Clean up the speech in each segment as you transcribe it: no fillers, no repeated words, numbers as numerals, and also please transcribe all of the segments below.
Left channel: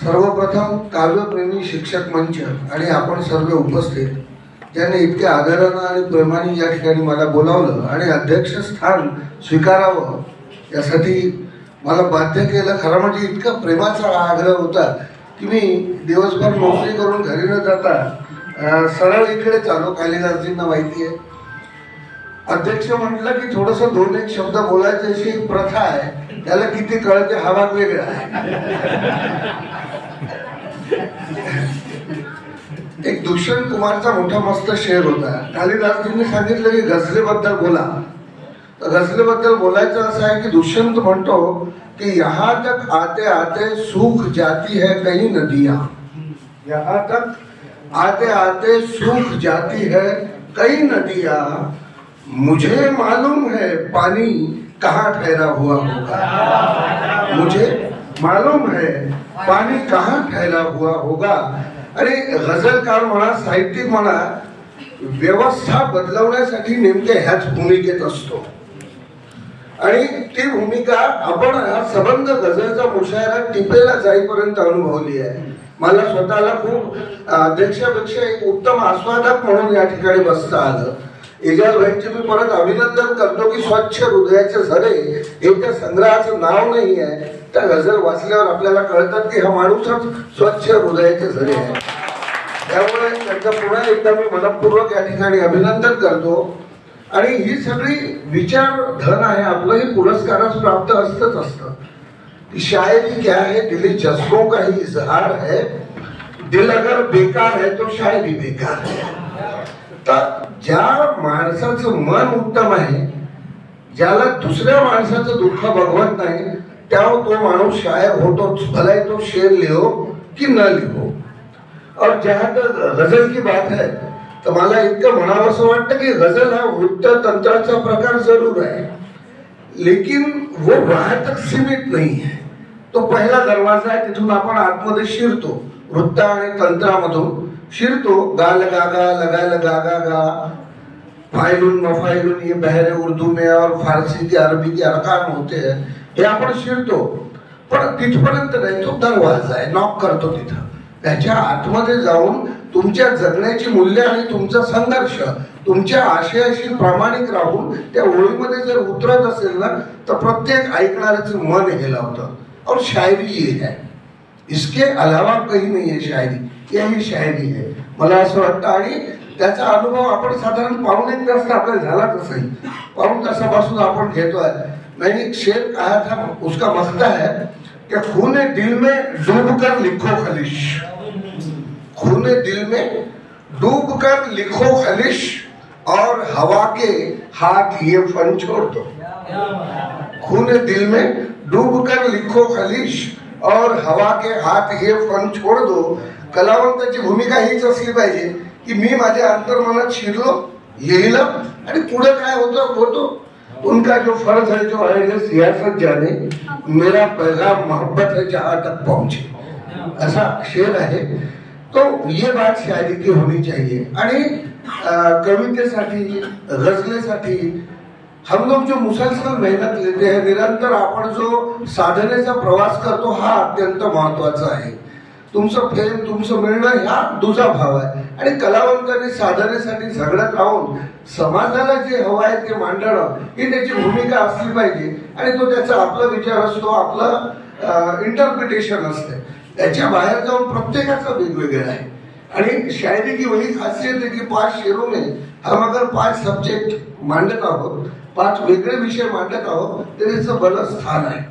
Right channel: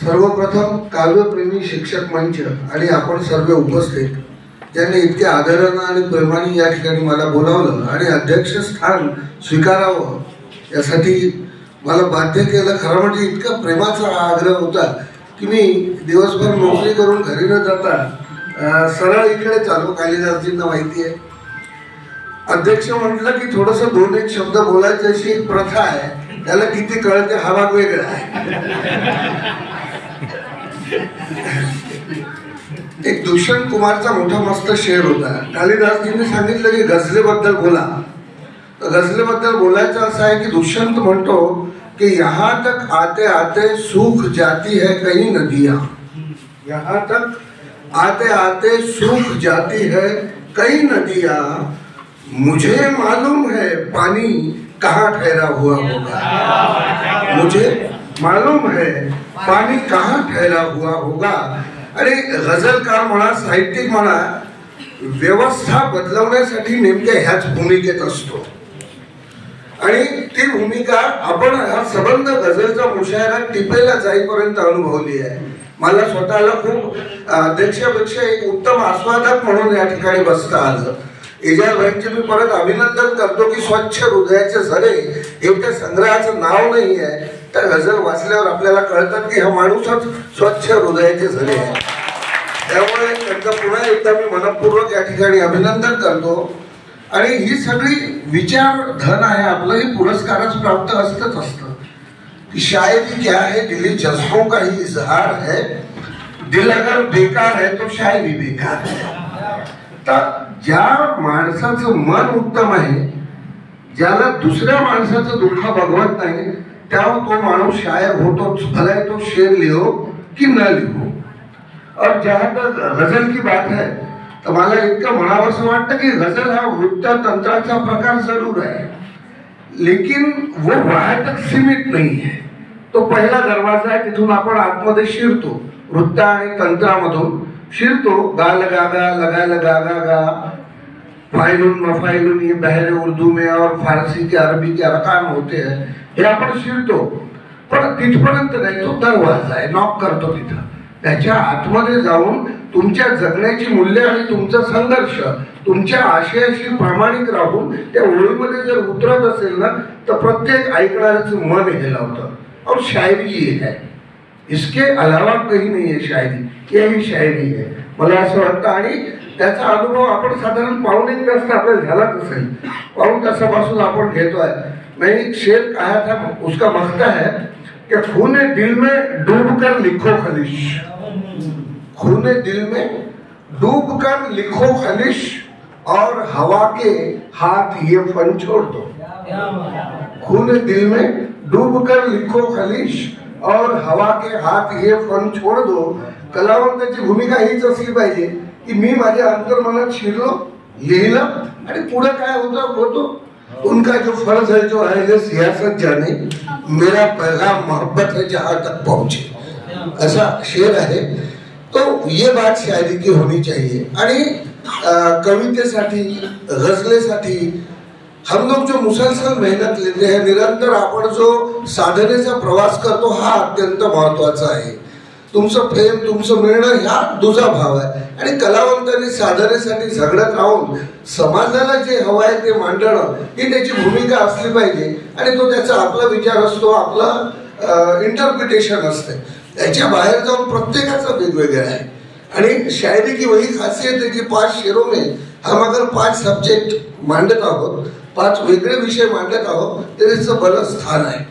सर्वप्रथम काव्यप्रेमी शिक्षक मंच आणि आपण सर्व उपस्थित ज्यांनी इतक्या आदरानं आणि प्रेमाने या ठिकाणी मला बोलावलं आणि अध्यक्षस्थान स्वीकारावं यासाठी मला बाध्य केलं. खरं म्हणजे इतका प्रेमाचा आग्रह होता की मी दिवसभर नोकरी करून घरी न जाता सरळ इकडे चालू. कालिदासजींना माहिती आहे, अध्यक्ष म्हटलं की थोडंसं दोन एक शब्द बोलायची अशी एक प्रथा आहे. त्याला किती कळते हा भाग वेगळा आहे. एक दुष्यंत कुमारचा मोठा मस्त शेर होता. कालिदासजींनी सांगितलं की गझलेबद्दल बोला. तर गझलेबद्दल बोलायचं असं आहे की दुष्यंत म्हणतो कि यहाँ तक आते आते सूख जाती है कई नदियां. यहाँ तक आते आते सूख जाती है कई नदियां. मुझे मालूम है पानी कहाँ ठहरा हुआ होगा. मुझे मालूम है पाणी कहाँ ठहरा हुआ होगा. आणि गझलकार म्हणा, साहित्यिक म्हणा, व्यवस्था बदलवण्यासाठी नेमक्या ह्याच भूमिकेत असतो. आणि ती भूमिका आपण हा सबंध गझलचा मुशायरा टिपेला जाईपर्यंत अनुभवली आहे. मला स्वतःला खूप अध्यक्षापेक्षा एक उत्तम आस्वादक म्हणून या ठिकाणी बसता आलं. इजाज भाईंचे मी परत अभिनंदन करतो की स्वच्छ हृदयाचे झरे हे त्या संग्रहाचं नाव नाही आहे. त्या गझल वाचल्यावर आपल्याला कळतात की हा माणूसच स्वच्छ हृदयाचे झरे आहे. त्यामुळे त्यांचं पुन्हा एकदा मी मनपूर्वक या ठिकाणी अभिनंदन करतो. आणि ही सगळी विचार धन आहे आपलं. ही पुरस्कारास प्राप्त असतच असतं. कि शायरी क्या है दिली जज्बों का ही इजहार है. दिल अगर बेकार है तो शायरी बेकार है. तर ज्या माणसाचं मन उत्तम आहे, ज्याला दुसऱ्या माणसाचं दुःख बघवत नाही, त्यावर तो माणूस शायर होतोच. भले तो शेर लिहो कि न लिहो. और जहां तक गजल की बात है तर मला इतकं म्हणावं असं वाटतं की गजल हा वृत्त तंत्राचा प्रकार जरूर आहे, लेकिन वो वहां तक सीमित नहीं है. तो पहिला दरवाजा आहे, तिथून आपण आतमध्ये शिरतो. वृत्त आणि तंत्रामधून शिरतो. गाल गागा लगा लगा गागा फाइलुन मफाइलुन ये बहरे उर्दू में और फारसी के अरबी के अरकान होते हैं. हे आपण शिरतो, पण तिथपर्यंत नाही. तो दरवाजा आहे, नॉक करतो तिथं. त्याच्या आतमध्ये जाऊन तुमच्या जगण्याची मूल्य आणि तुमचा संघर्ष तुमच्या आशयाशी प्रामाणिक राहून त्या ओळीमध्ये जर उतरत असेल ना, तर प्रत्येक ऐकणाऱ्याचं मन हे लावतं. और शायरी ये है, इसके अलावा कहीं नहीं है शायरी. यही शायरी है मला असं वाटतं. आणि त्याचा अनुभव आपण साधारण पाऊण एक तास आपल्याला झालाच असेल. पाऊण तासापासून आपण घेतोय. मैंने एक शेर कहा था, उसका मख्ता है कि खूने दिल में डूबकर लिखो खलिश. खूने दिल में डूबकर लिखो खलिश और हवा के हाथ ये फन छोड़ दो. खूने दिल में डूबकर लिखो खलिश और हवा के हाथ ये फन छोड़ दो. कलावंताची भूमिका हीच असली पाहिजे की मी माझ्या अंतर्मनात शिरलो, लिहिलं आणि पुढे काय होतं होतो. उनका जो फर्ज है जो है सियासत जाने, मेरा पैगाम मोहब्बत है जहां तक पहुंचे. ऐसा शेर है. तो ये बात शायरी की होनी चाहिए. आणि कवितेसाठी, गजलेसाठी हम लोग जो मुसलसल मेहनत लेते हैं, निरंतर आपण जो साधनेचा प्रवास करतो, हा अत्यंत महत्वाचा आहे. तुमचं प्रेम, तुमचं मिळणं हा दुजा भाव आहे. आणि कलावंतांनी साधनेसाठी झगडत राहून समाजाला जे हवं आहे ते मांडणं ही त्याची भूमिका असली पाहिजे. आणि तो त्याचा आपला विचार असतो, आपलं इंटरप्रिटेशन असते. त्याच्या बाहेर जाऊन प्रत्येकाचं वेगवेगळं आहे. आणि शायरी की वही खासियत है कि 5 शेरों में हम अगर 5 सब्जेक्ट मांडत आहोत, 5 वेगळे विषय मांडत आहोत, तर त्याचं भलं स्थान आहे.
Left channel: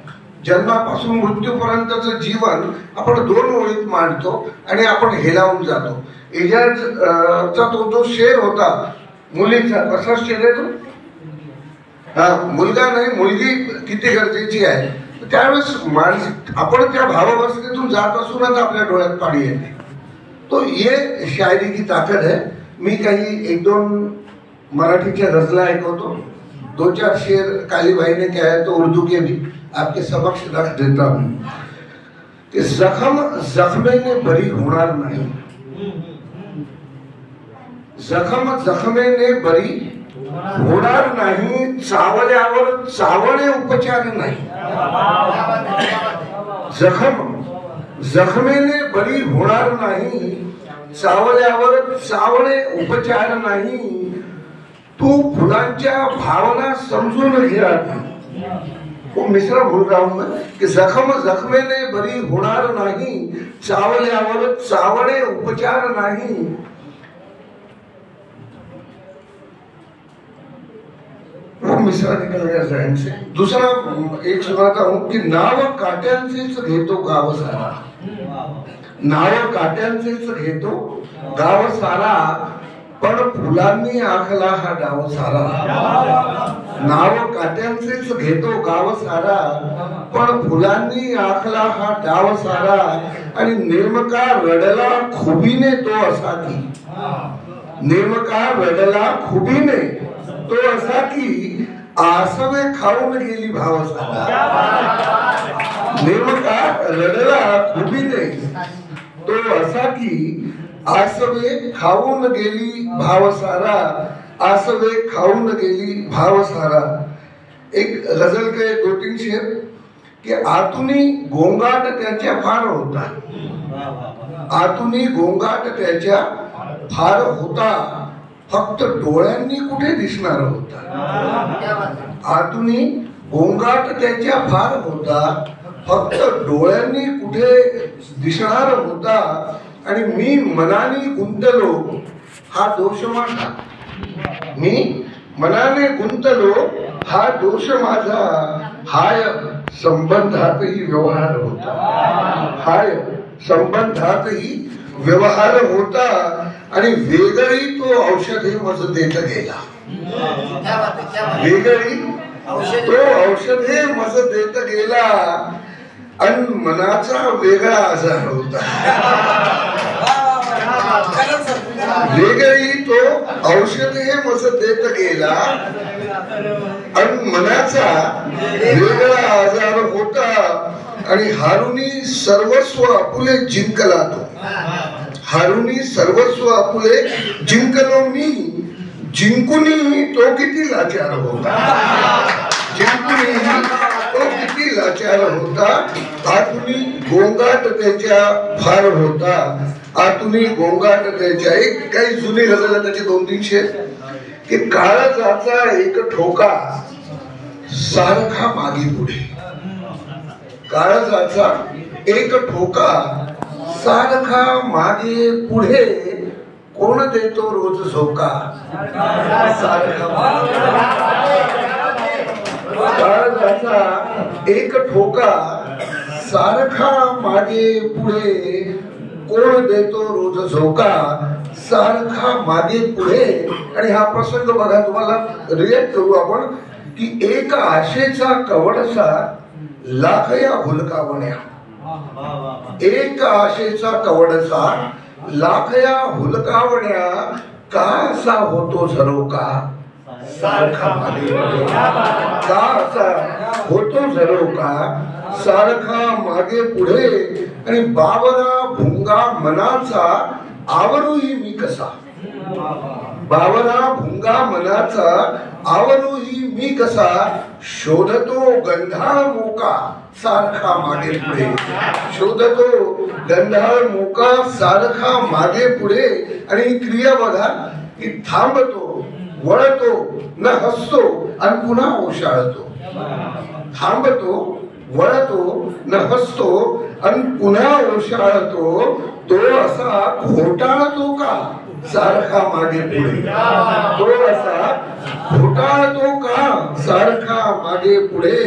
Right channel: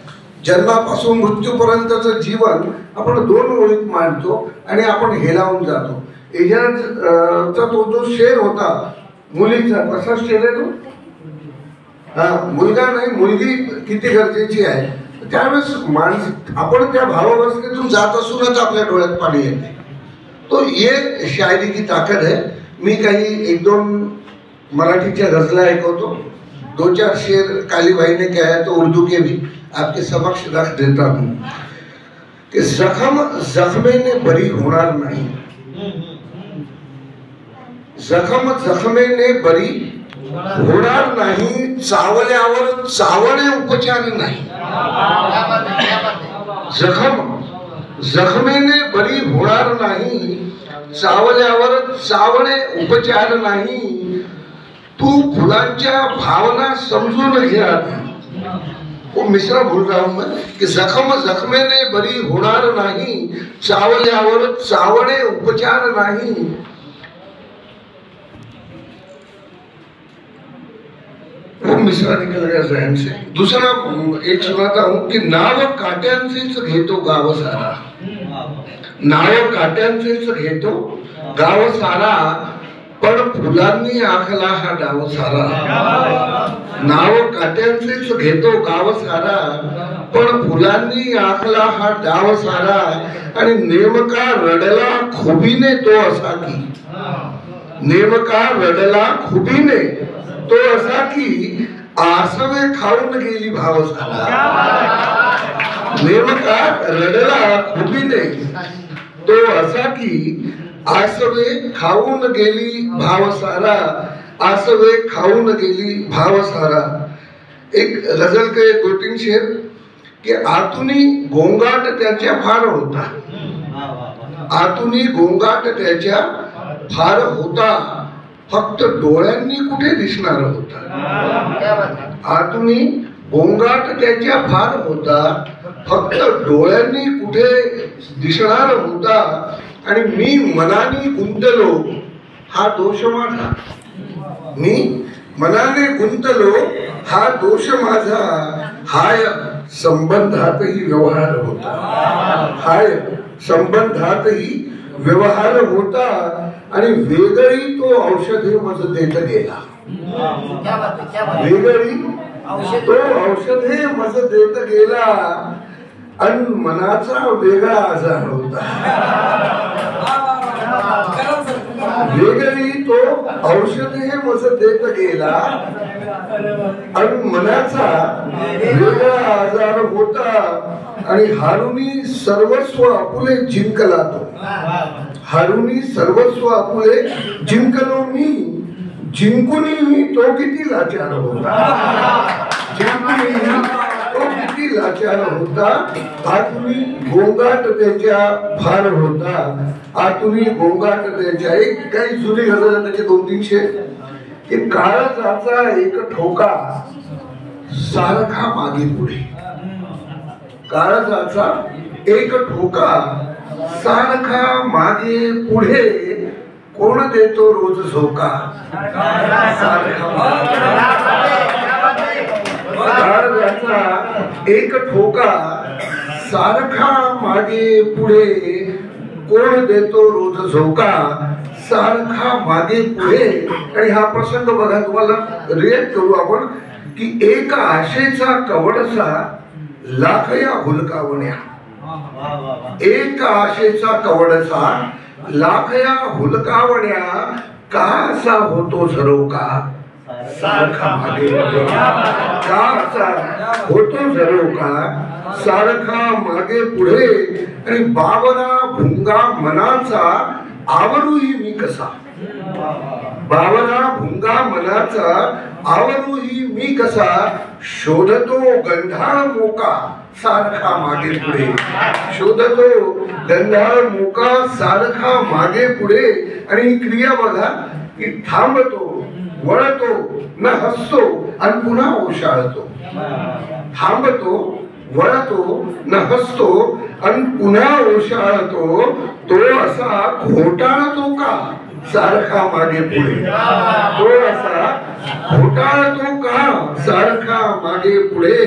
जन्मापासून मृत्यूपर्यंतचं जीवन आपण 2 ओळीत मांडतो आणि आपण हेलावून जातो. इजाजचा तो जो शेर होता मुलीचा, कसा शेर आहे तो, मुलगा नाही मुलगी किती गरजेची आहे. त्यावेळेस माणूस आपण त्या भावावस्थेतून जात असूनच आपल्या डोळ्यात पाणी येते. तो ये शायरी की ताकद है. मी काही 1-2 मराठीच्या गजला ऐकवतो. 2-4 शेर काली भाई ने क्या है तो उर्दू के भी आपके समक्ष रख देता हूं कि जखम जख्मेने बरी होणार नाही. जखम जखमेने बरी होणार नाही. चावल्यावर चावणे उपचार नाही. जखम जखमेने बरी होणार नाही, चावल्यावर चावणे उपचार नाही, तू फुलांच्या भावना समजून घे आधी. वो मिश्रा भूल रहा हूं मैं कि जखमेने बरी होणार नाही, चावल्यावर चावणे उपचार नाही. वो मिश्रा निकल गया जहन से. दूसरा एक सुनाता हूं कि नाव काट्यांचेच घेतो गाव सारा. नाव काट्यांचेच घेतो गाव सारा, पण फुलांनी आखला हा डाव सारा. नाव काट्यांचेच घेतो गाव सारा, पण फुलांनी आखला हा डाव सारा. आणि नेमका रडला खुबीने तो असा की, नेमका रडला खुबीने तो असा की, आसवे खाऊन गेली भाव सारा. नेमका रडला खुबीने तो असा की, आसवे खाऊन गेली भाव सारा. आसवे खाऊन गेली भाव सारा. एक गजल के 2-3 शेर कि आतुनी गोंगाट त्याच्या फार होता. आतुनी गोंगाट त्याच्या फार होता, फक्त डोळ्यांनी कुठे दिसणार होता. आतुनी गोंगाट त्याच्या फार होता, फक्त डोळ्यांनी कुठे दिसणार होता. आणि मी मनाने गुंतलो हा दोष माझा. मी मनाने गुंतलो हा दोष माझा. हाय संबंधातही व्यवहार होता. हाय संबंधातही व्यवहार होता. आणि वेगळी तो औषधे मज देत गेला. वेगळी तो औषधे मज देत गेला. आणि मनाचा वेगळा आजार होता. वेगळी तो औषधे मज देत गेला. आणि मनाचा वेगळा आजार होता. आणि हारुनी सर्वस्व आपुले जिंकला तो. हारुनी सर्वस्व आपुले जिंकलो मी. जिंकूनही तो किती लाचार होता. जिंकूनही तो किती लाचार होता. आतुनी गोंगाट त्याच्या फार होता. आतुनी गोंगाट त्याच्या. एक काही जुनी गजल त्याचे 2-3 शेर की काळजाचा एक ठोका सारखा मागे पुढे. काळजाचा एक ठोका सारखा मागे पुढे, कोण देतो रोज झोका. काळजाचा एक ठोका सारखा मागे पुढे, कोण देतो रोज झोका. सारखा मागे पुढे. आणि हा प्रसंग बघा, तुम्हाला रिएक्ट करू आपण की एक आशेचा कवडसा लाखया हुलकावण्या. एक आशेचा कवडसा लाखया हुलकावण्या, का असा होतो झरोका सारखा मागे पुढे. का असा होतो झरोका सारखा मागे पुढे. आणि बावरा भुंगा मनाचा आवरूही मी कसा. बावरा भुंगा मनाचा आवरूही मी कसा. शोधतो गंधाळ मोका सारखा मागे पुढे. शोधतो गंधाळ मोका सारखा मागे पुढे. आणि ही क्रिया बघा की थांबतो, वळतो, न हसतो आणि पुन्हा ओशाळतो. थांबतो, वळतो, न हसतो आणि पुन्हा ओशाळतो. तो असा घोटाळतो का सारखा मागे पुढे. तो असा घोटाळतो का सारखा मागे पुढे.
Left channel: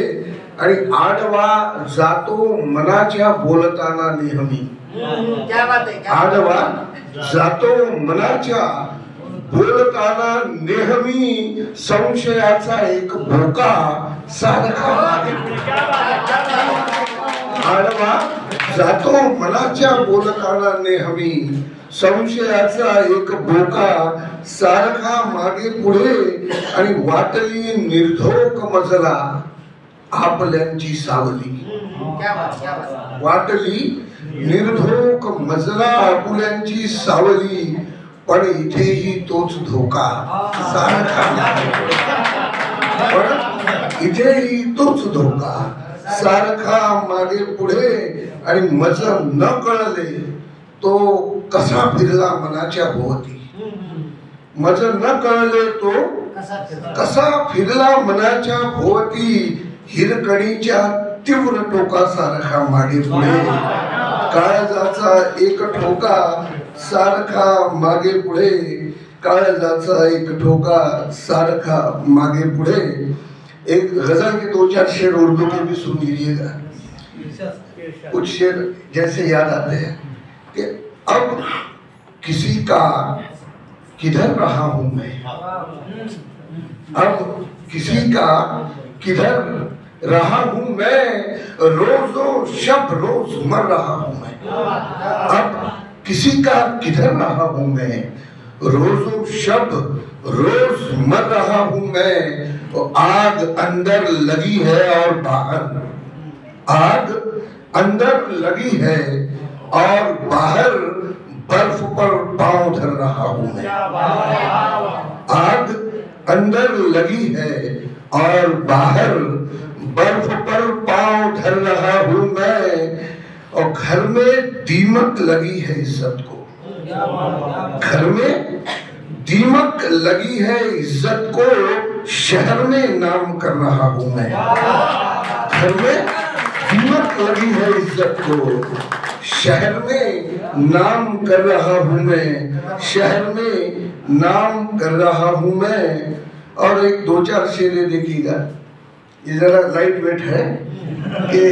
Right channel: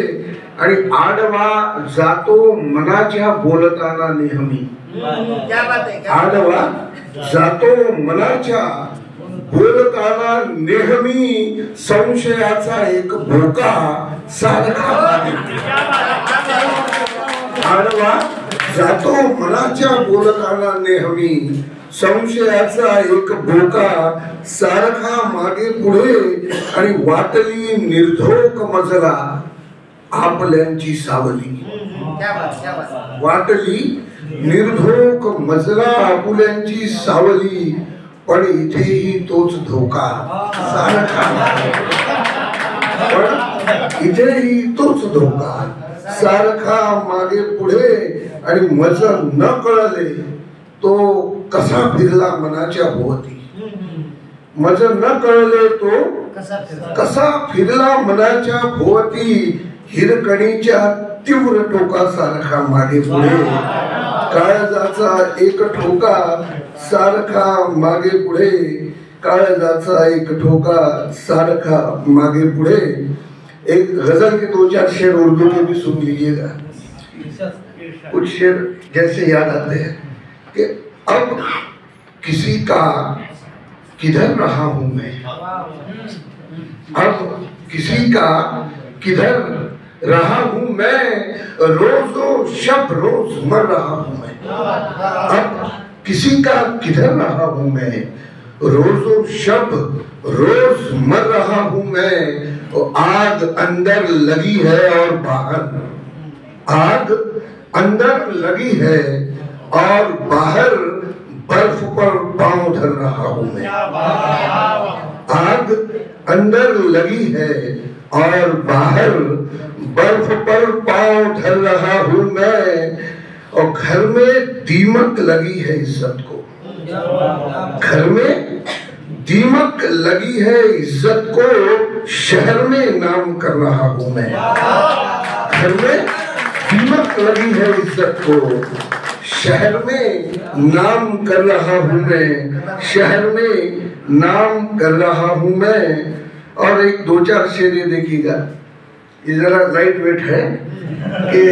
आणि आडवा जातो मनाच्या बोलताना नेहमी. आडवा जातो मनाच्या बोलताना नेहमी. संशयाचा एक भोका सारखा मागे पुढे. आडवा जातो मनाच्या बोलताना नेहमी. संशयाचा एक भोका सारखा मागे पुढे. आणि वाटली निर्धोक मजला आपल्यांची सावली. वाटली निर्धोक मजला आपुल्यांची सावली. पण इथेही तोच धोका सारखा मागे पुढे. पण इथेही तोच धोका सारखा मागे पुढे. आणि मज न कळले तो कसा फिरला मनाच्या भोवती. मज न कळले तो कसा फिरला मनाच्या भोवती. हिरकणीच्या तीव्र टोकासारखा मागे पुढे. काळजाचा एक ठोका सारखा मागे पुढे. काळजाचा एक ठोका सारखा मागे पुढे. एक गजल के 2-4 शेर उर्दू के भी सुन लीजिएगा. कुछ शेर जैसे याद आते हैं कि अब किसी का किधर रहा हूं मैं. अब किसी का किधर रहा हूं मैं. रोजो शब रोज मर रहा हूं मैं. अब किसी का किधर रहा हूं मैं. रोजो शब रोज मर रहा हूं मैं. आग अंदर लगी है और बाहर. आग अंदर लगी है और बाहर बर्फ पर पांव धर रहा हूं मैं. आग अंदर लगी है और बाहर बर्फ पर पांव धर रहा हूं मैं. और घर में दीमक लगी है इज्जत को. घर में दीमक लगी है इज्जत को. शहर में नाम कर रहा हूं मैं. घर में दीमक लगी है इज्जत को. शहर में नाम कर रहा हूं मैं. शहर में नाम कर रहा हूं मैं. और एक 2-4 शेर ये देखिएगा. ये जरा लाइट वेट है कि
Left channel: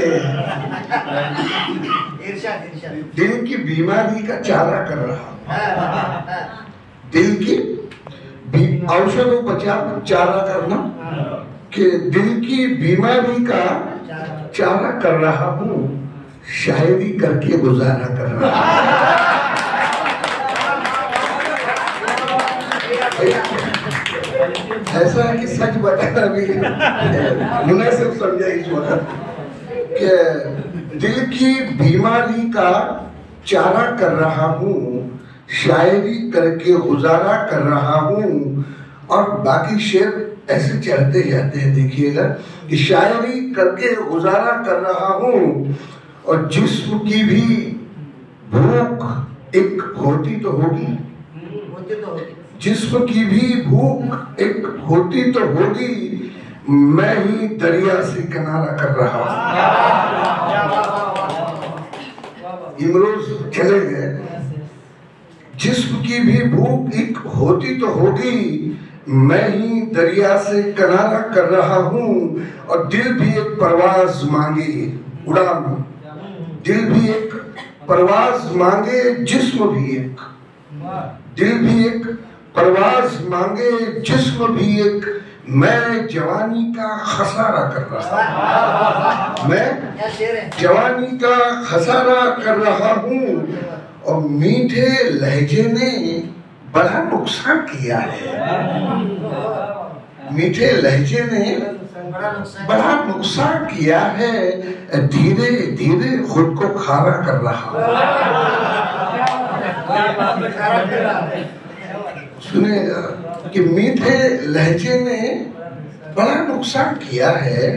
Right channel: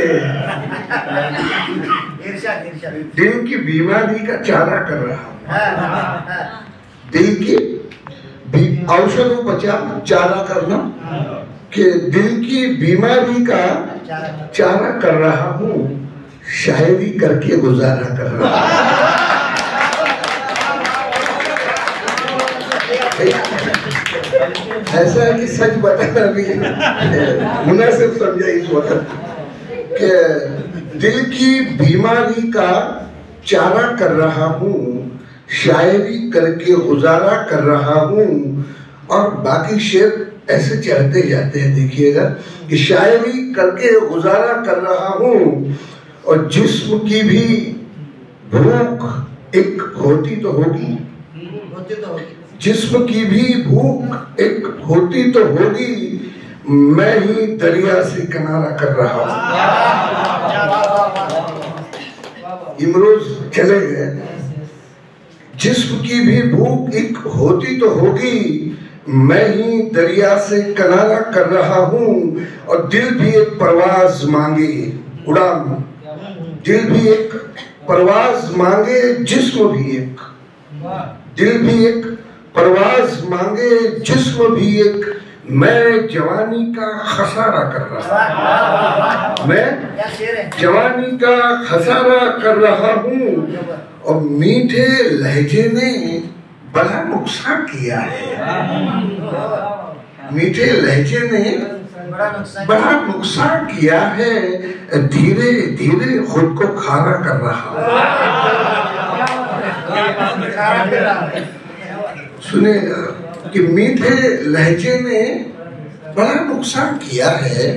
दिल की बीमारी का चारा कर रहा हूं. दिल की औषधोपचार चारा करना कि दिल की बीमारी का चारा कर रहा हूँ. शायरी करके गुजारा कर रहा हूँ. ऐसा है कि सच बताना भी मुनासिब समझा इस वक्त कि दिल की बीमारी का चारा कर रहा हूँ. शायरी करके गुजारा कर रहा हूँ. और बाकी शेर ऐसे चलते जाते हैं. देखिएगा कि शायरी करके गुजारा कर रहा हूँ. और जिस्म की भी भूख एक होती तो होगी. जिस्म की भी भूख एक होती तो होगी. मैं ही दरिया से किनारा कर रहा हूँ. इमरोज चले गए. जिस्म की भी भूख एक होती तो होगी. मैं ही दरिया से किनारा कर रहा हूँ. और दिल भी एक परवाज मांगे उड़ान. दिल भी एक परवाज मांगे. जिस्म भी एक. दिल भी एक परवाज मांगे. जिस्म भी एक. मैं जवानी का खसारा कर रहा हूँ. मैं जवानी का खसारा कर रहा हूँ. और मीठे लहजे ने बड़ा नुकसान किया है. मीठे लहजे ने बड़ा नुकसान किया है. धीरे धीरे खुद को खारा कर रहा हूँ. सुनेगा कि मीठे लहजे ने बड़ा नुकसान किया है.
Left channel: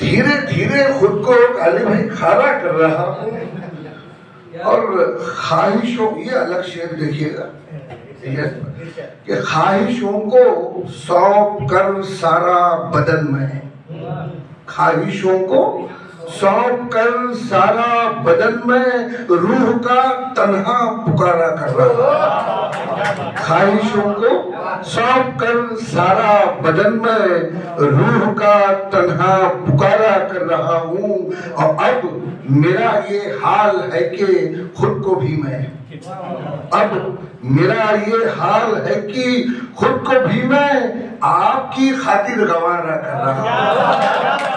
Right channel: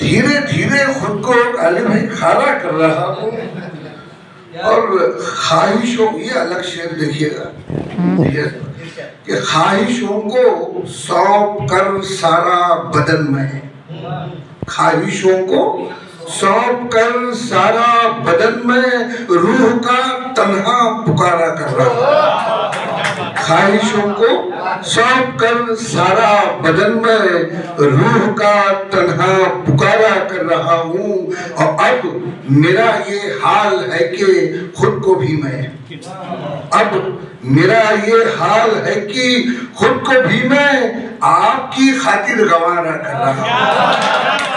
धीरे धीरे खुद को अली भाई खारा कर रहा हूँ. और ख्वाहिशों, ये अलग शेर देखिएगा कि ख्वाहिशों को सौंप कर सारा बदन में. ख्वाहिशों को सौंप कर सारा बदन में रूह का तन्हा पुकारा कर रहा हूँ. ख्वाहिशों को सौंप कर सारा बदन में रूह का तन्हा पुकारा कर रहा हूँ. और अब मेरा ये हाल है कि खुद को भी मैं. अब मेरा ये हाल है कि खुद को भी मैं आपकी खातिर गंवारा कर रहा हूँ.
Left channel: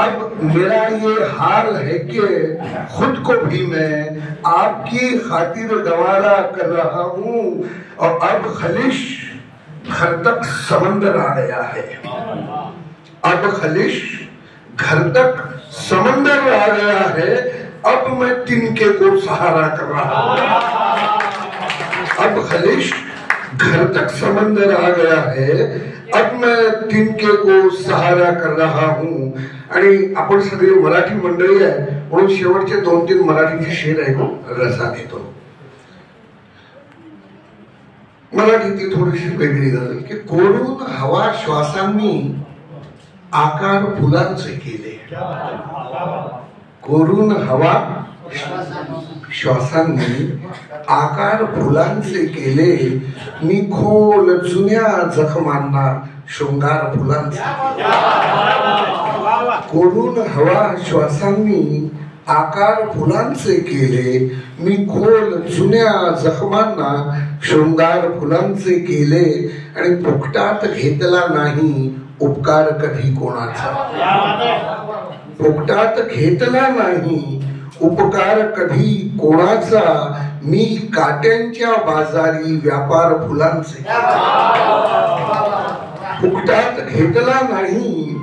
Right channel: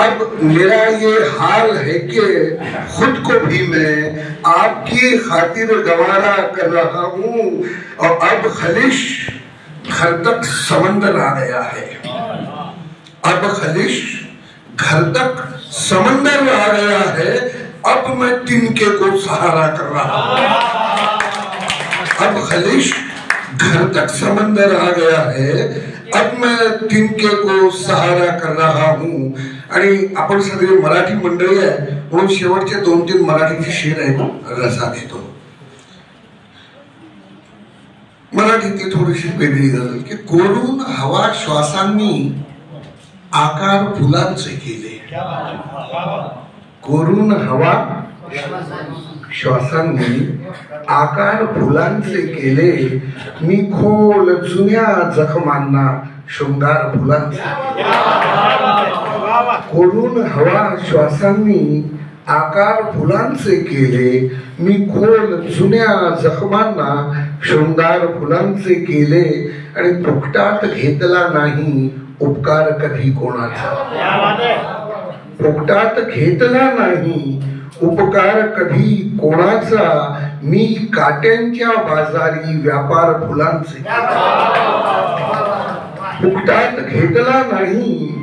अब मेरा ये हाल है कि खुद को भी मैं आपकी खातिर गंवारा कर रहा हूँ. और अब खलिश घर तक समंदर आ गया है. अब खलिश घर तक समंदर आ गया है. अब मैं तिनके को सहारा कर रहा हूँ. अब खलिश घर तक समंदर आ गया है, अब मैं तिनके को सहारा कर रहा हूँ. आणि आपण सगळे मराठी मंडळी आहे म्हणून शेवटचे 2-3 मराठीचे शेर आहेत रसा घेतो. मराठीतली थोडीशी वेगळी गजल की कोरून हवा श्वासांनी आकार फुलांचे केले. कोरून हवा श्वासांनी आकार फुलांचे केले, मी खोल जुन्या जखमांना शृंगार फुलांचे. कोरून हवा श्वासांनी आकार फुलांचे केले, मी खोल जुन्या जखमांना शृंगार फुलांचे केले. आणि फुकटात घेतला नाही उपकार कधी कोणाचा. फुकटात घेतला नाही उपकार कधी कोणाचा, मी काट्यांच्या बाजारी व्यापार फुलांचे. फुकटात घेतला नाही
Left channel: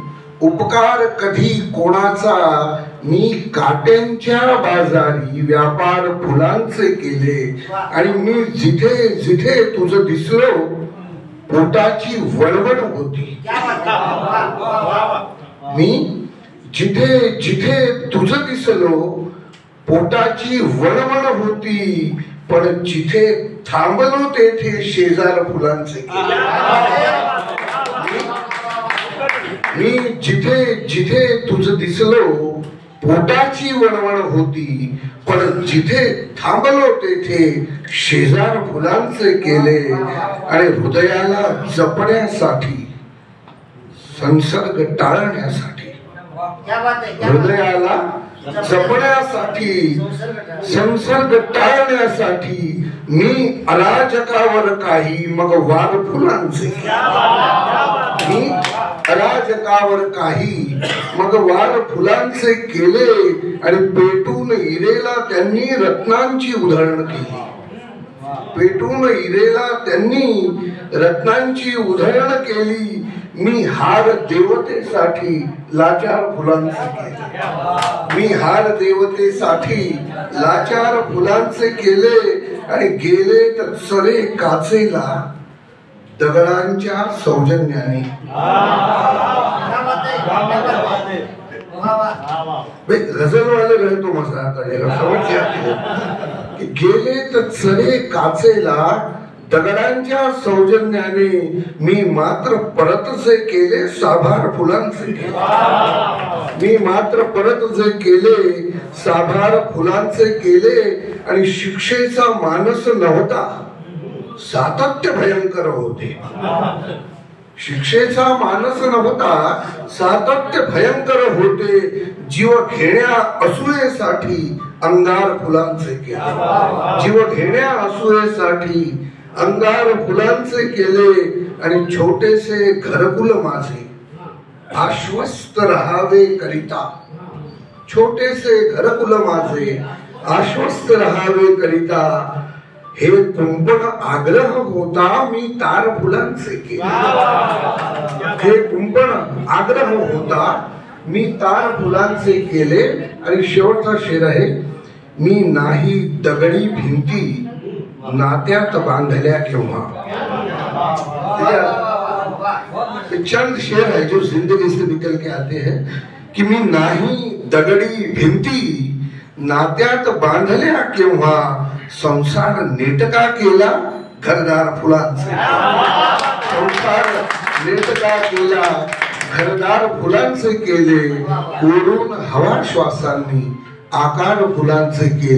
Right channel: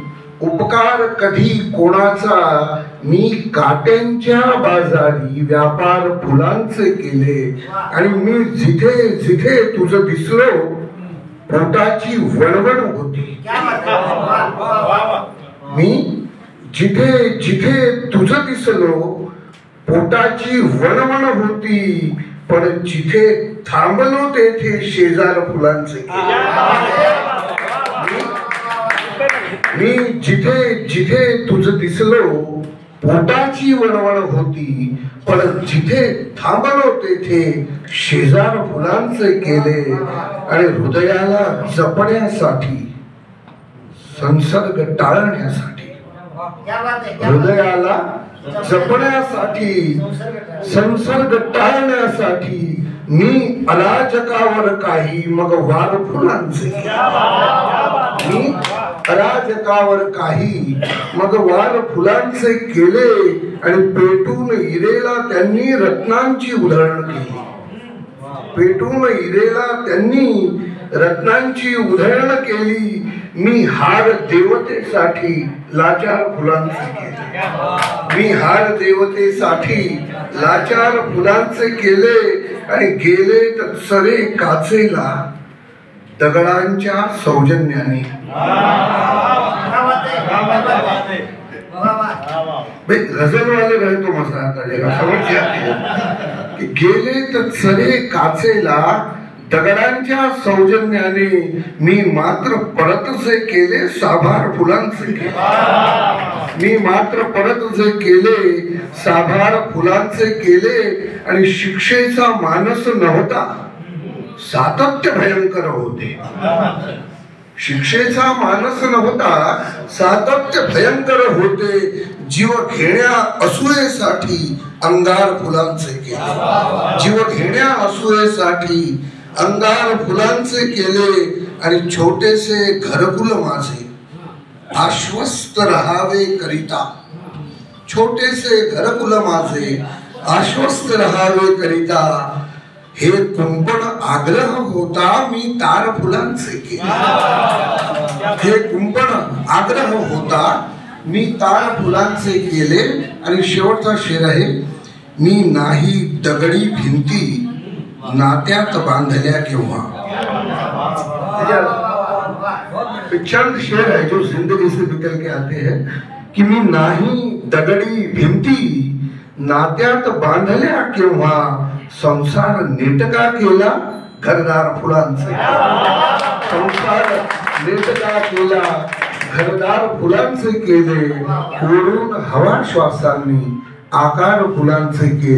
उपकार कधी कोणाचा, मी काट्यांच्या बाजारी व्यापार फुलांचे केले. आणि मी जिथे जिथे तुझं दिसलो पोटाची वळवण होती. मी जिथे जिथे तुझं दिसलो पोटाची वळवण होती, पण जिथे थांबलो तेथे शेजार फुलांचे केले. मी जिथे जिथे तुझं दिसलो पोटाची वळवण होती, पण जिथे थांबलो तेथे शेजार फुलांचे केले. आणि हृदयाला जपण्यासाठी संसर्ग टाळण्यासाठी, हृदयाला जपण्यासाठी संसर्ग टाळण्यासाठी मी अराजकावर काही मग वार फुलांचे. मी अराजकावर काही मग वार फुलांचे केले. आणि पेटून इरेला त्यांनी रत्नांची उधळण केली. पेटून इरेला त्यांनी रत्नांची उधळण केली. मी हार देवतेसाठी लाचार फुलांचे केले. मी हार देवतेसाठी लाचार फुलांचे केले. आणि गेले तत्सरे काचेला दगडांच्या सौजन्याने. गजल वाले रहे तो मजा आता है, समझ जाते कि गेले तत्सरे काचेला दगडांच्या सौजन्याने, मी मात्र परत जे केले साभार फुलांचे केले. मी मात्र परत जे केले साभार फुलांचे केले. आणि शिक्षेचा मानस नव्हता सातत्य भयंकर होते. शिक्षेचा मानस नव्हता सातत्य भयंकर होते. जीव घेण्या असूयेसाठी अंगार फुलांचे केले. जीव घेण्या असूयेसाठी अंगार फुलांचे केले. आणि छोटेसे घरकुल माझे आश्वस्त राहावे करिता, छोटेसे घरकुल माझे आश्वस्त राहावे करिता, हे कुंपण आग्रह होता मी तार फुलांचे केले. हे कुंपण आग्रह होता मी तार फुलांचे केले. आणि शेवटचा शेर आहे, मी नाही दगडी भिंती नात्यात बांधल्या केव्हा. चंद शेर है जो जिंदगी से निकल के आते हैं कि मी नाही दगडी भिंती नात्यात बांधल्या केव्हा, संसार नेटका केला घरदार फुलांचे. संसार नेटका केला घरदार फुलांचे केले. कोरून हवा श्वासांनी आकार फुलांचे केले.